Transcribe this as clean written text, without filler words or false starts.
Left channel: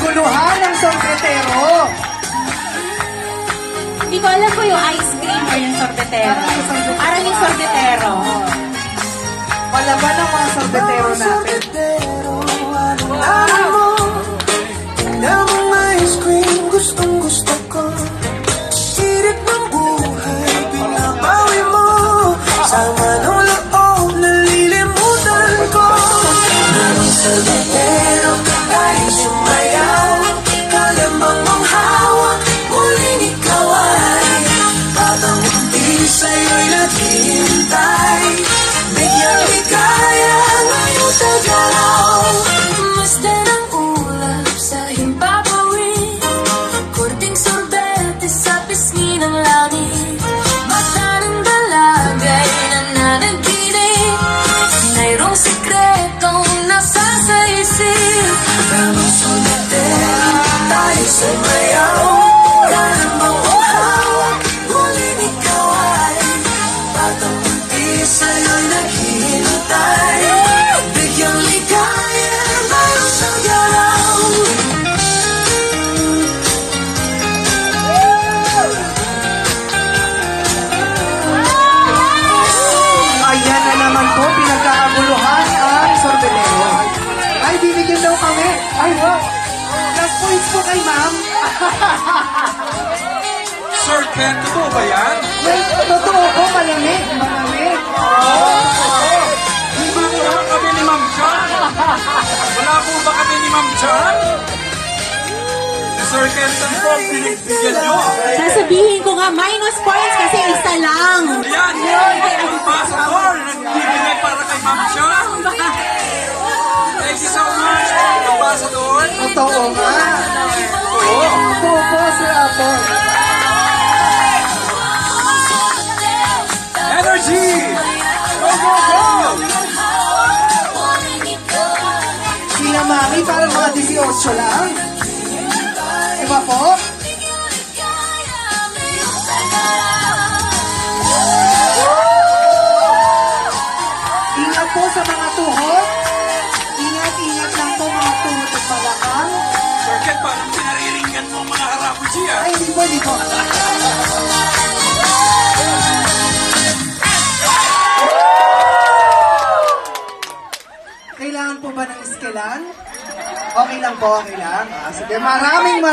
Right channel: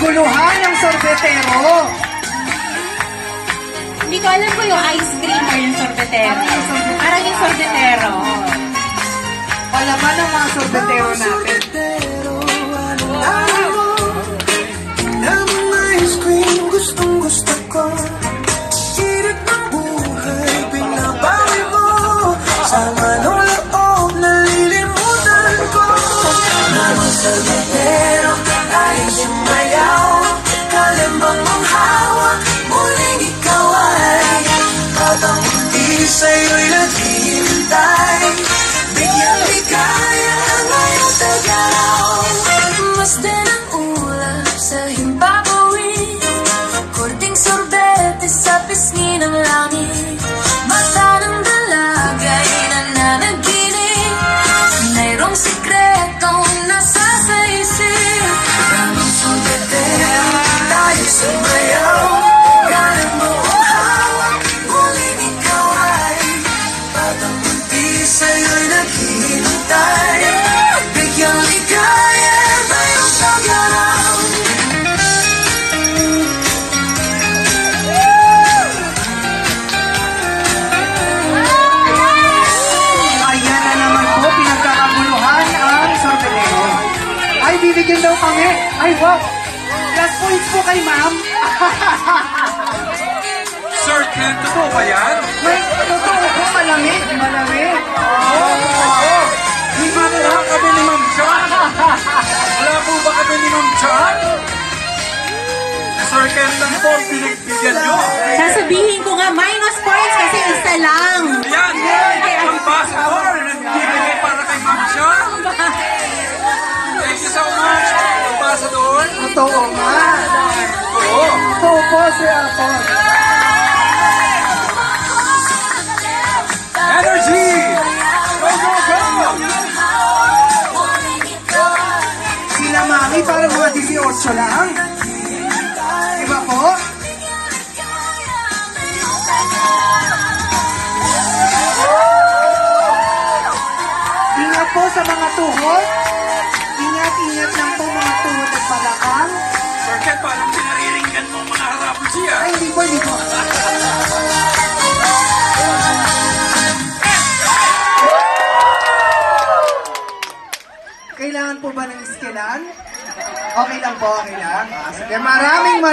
kaguluhan ng sorbetero. Hindi ko alam ko yung ice cream or yung sorbetero. Parang yung sorbetero. Palaban ng mga sorbetero natin. Ice cream, gustong gusto ko. Hirit ng buhay, binabawi mo. Sama ng loob, nalilimutan ko. Daming sorbetero, tayong sumayaw. Kalamang ang hawak, muling ikaw ay parang hindi sa'yo'y naghihintay. Bigyang ligaya, ngayong tagaw. Masdan ang ulap sa himpapawid. Kunting sorbete sa pisngi ng langit. Mata ng dalagay na nanaginip. Mayroong sikretong nasa sa isip. Daming sorbetero, tayo sumayaw. Kalang mauhawak, ngunit ikaw ay batang hindi sa'yo'y naghihintay. Bigyang ligaya, mayroong tagaw. Ayan na naman po, pinagkakaguluhan ang sorbetero. Ay, binigyan daw kami. Ay, wow. Yes, points po kay ma'am. Sir, kento po ba yan? Wait, totoo po, malamig. Malamig. Oo, totoo. Hindi ba kami ni Ma'am Chan? Wala po ba kami ni Ma'am Chan? Sir Kento po, binibigyan nyo. Sasabihin ko nga, minus points kasi isa lang. Yan, yan! Ang passport! Nagbibigay para kay Ma'am Chan. Thank you so much, Ambassador. Totoo nga. Oo. Totoo po, Sir Apo. Energy! Go, go, go! Sila mami, parang mga 18 lang. Diba po? Ingat po sa mga tuhod. Ingat, ingat lang po mga tuhod at balakang. Sir Ken, paano hindi nariringgan mo mga harapos siya? Ay, hindi po, hindi po. Kailangan po ba ng iskilan? Okay lang po, okay lang. Sige, maraming